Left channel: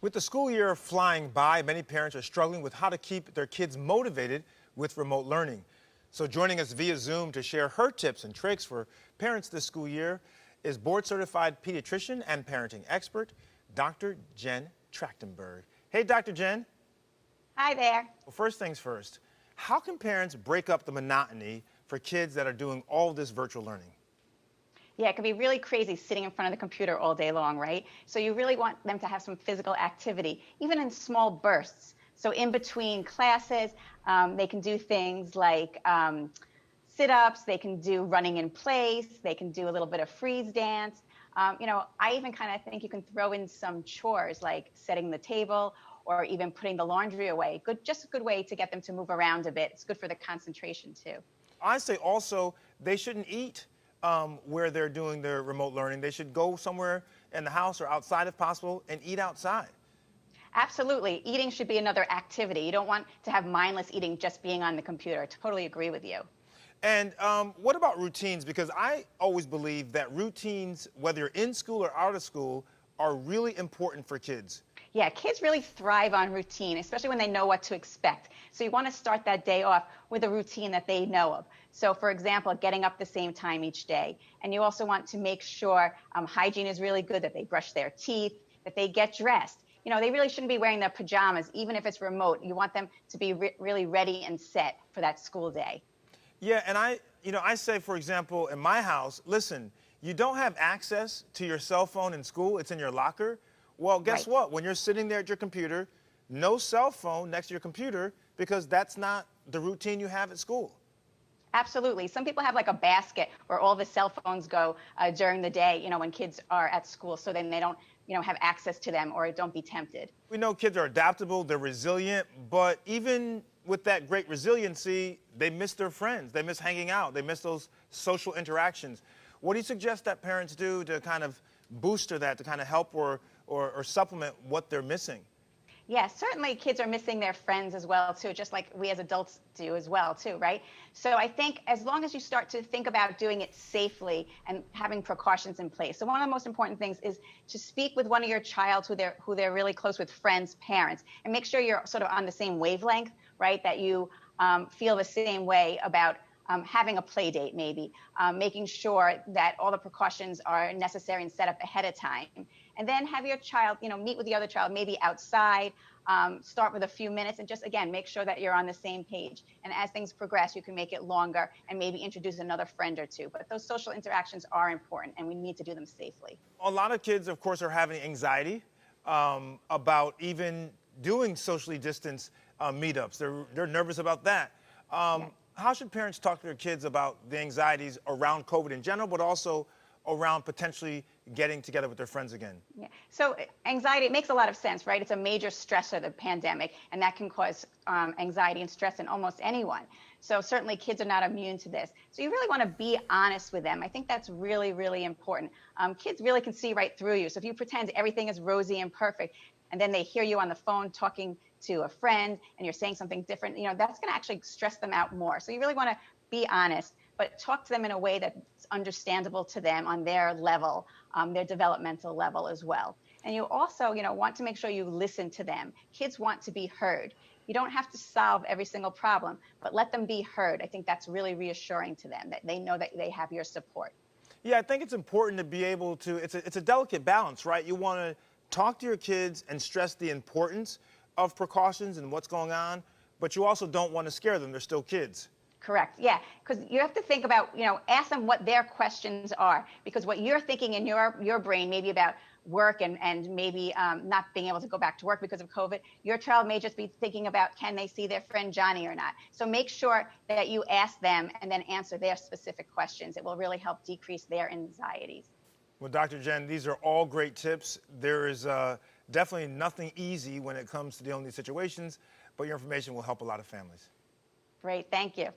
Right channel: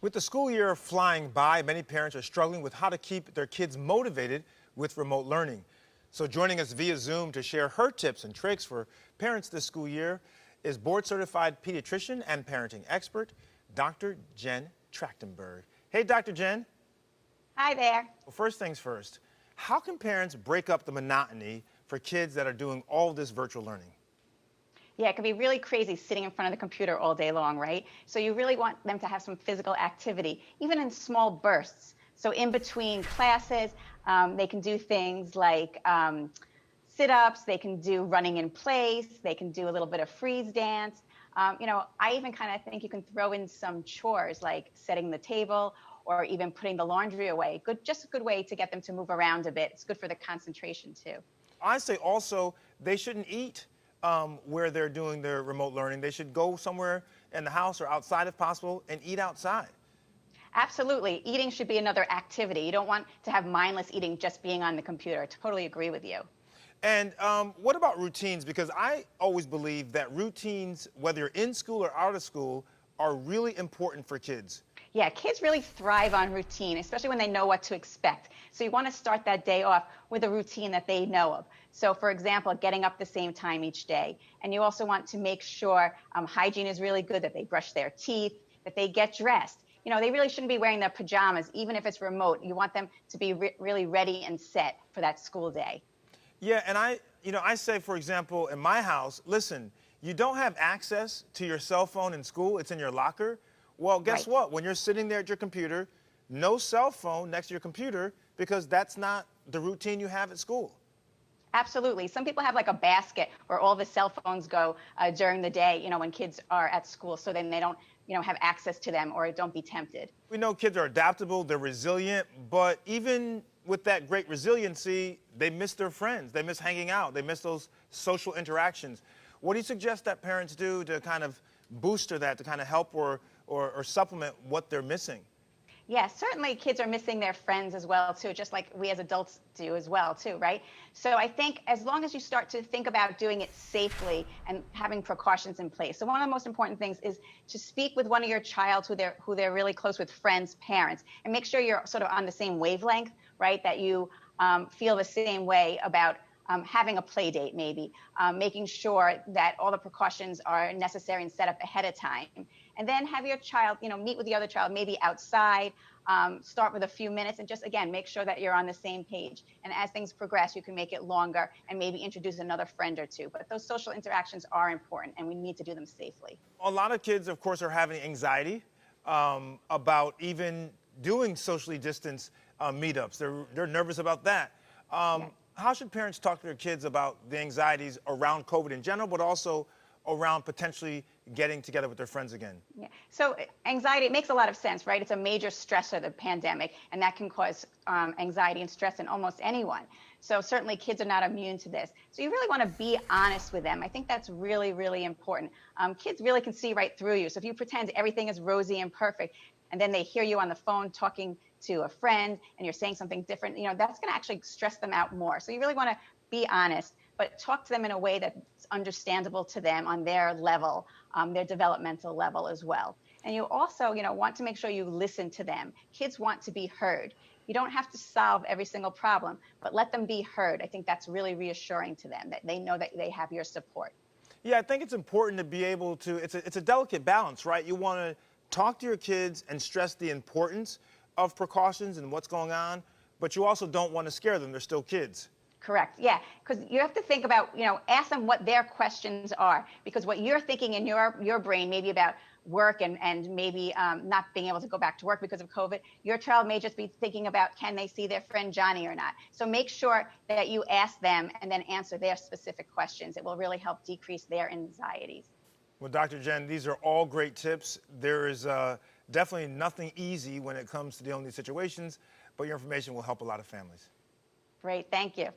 With the school year flying by, many parents are struggling with how to keep their kids motivated with remote learning. So joining us via Zoom to share her tips and tricks for parents this school year is board-certified pediatrician and parenting expert, Dr. Jen Trachtenberg. Hey, Dr. Jen. Hi there. Well, first things first, how can parents break up the monotony for kids that are doing all this virtual learning? Yeah, it can be really crazy sitting in front of the computer all day long, right? So you really want them to have some physical activity, even in small bursts. So in between classes, they can do things like sit-ups, they can do running in place, they can do a little bit of freeze dance. I even kind of think you can throw in some chores like setting the table or even putting the laundry away. Just a good way to get them to move around a bit. It's good for the concentration too. I say also they shouldn't eat where they're doing their remote learning. They should go somewhere in the house or outside if possible and eat outside. Absolutely. Eating should be another activity. You don't want to have mindless eating just being on the computer. I totally agree with you. And what about routines? Because I always believe that routines, whether you're in school or out of school, are really important for kids. Yeah, kids really thrive on routine, especially when they know what to expect. So you want to start that day off with a routine that they know of. So, for example, getting up the same time each day. And you also want to make sure hygiene is really good, that they brush their teeth, that they get dressed. You know, they really shouldn't be wearing their pajamas, even if it's remote. You want them to be really ready and set for that school day. Yeah, and I say, for example, in my house, listen, you don't have access to your cell phone in school. It's in your locker. Well, guess Right. what? When you're sitting there at your computer, no cell phone next to your computer because that's not the routine you have at school. Absolutely. Some people have like a basket where all the cell phones go during the day, when kids are at school, so then they don't, have access to them or don't be tempted. We know kids are adaptable, they're resilient, but even with that great resiliency, they miss their friends, they miss hanging out, they miss those social interactions. What do you suggest that parents do to kind of booster that, to kind of help or supplement what they're missing? Yes, certainly kids are missing their friends as well, too, just like we as adults do as well, too, right? So I think as long as you start to think about doing it safely and having precautions in place. So one of the most important things is to speak with one of your child who they're really close with, friends, parents, and make sure you're sort of on the same wavelength, right? That you feel the same way about having a play date, maybe, making sure that all the precautions are necessary and set up ahead of time. And then have your child, meet with the other child, maybe outside, start with a few minutes and just, again, make sure that you're on the same page. And as things progress, you can make it longer and maybe introduce another friend or two. But those social interactions are important and we need to do them safely. A lot of kids, of course, are having anxiety about even doing socially distanced meetups. They're nervous about that. Yeah. How should parents talk to their kids about the anxieties around COVID in general, but also around potentially getting together with their friends again? Yeah. So anxiety, it makes a lot of sense, right? It's a major stressor, the pandemic, and that can cause anxiety and stress in almost anyone. So certainly kids are not immune to this. So you really want to be honest with them. I think that's really, really important. Kids really can see right through you. So if you pretend everything is rosy and perfect, and then they hear you on the phone talking to a friend and you're saying something different, that's going to actually stress them out more. So you really want to be honest, but talk to them in a way that's understandable to them on their level, their developmental level as well. And you also, want to make sure you listen to them. Kids want to be heard. You don't have to solve every single problem, but let them be heard. I think that's really reassuring to them, that they know that they have your support. Yeah, I think it's important to be able to, it's a delicate balance, right? You want to talk to your kids and stress the importance of precautions and what's going on, but you also don't want to scare them. They're still kids. Correct. Yeah. Because you have to think about, ask them what their questions are, because what you're thinking in your brain, maybe about work and maybe not being able to go back to work because of COVID, your child may just be thinking about, can they see their friend Johnny or not? So make sure that you ask them and then answer their specific questions. It will really help decrease their anxieties. Well, Dr. Jen, these are all great tips. There is definitely nothing easy when it comes to dealing with these situations, but your information will help a lot of families. Great. Thank you.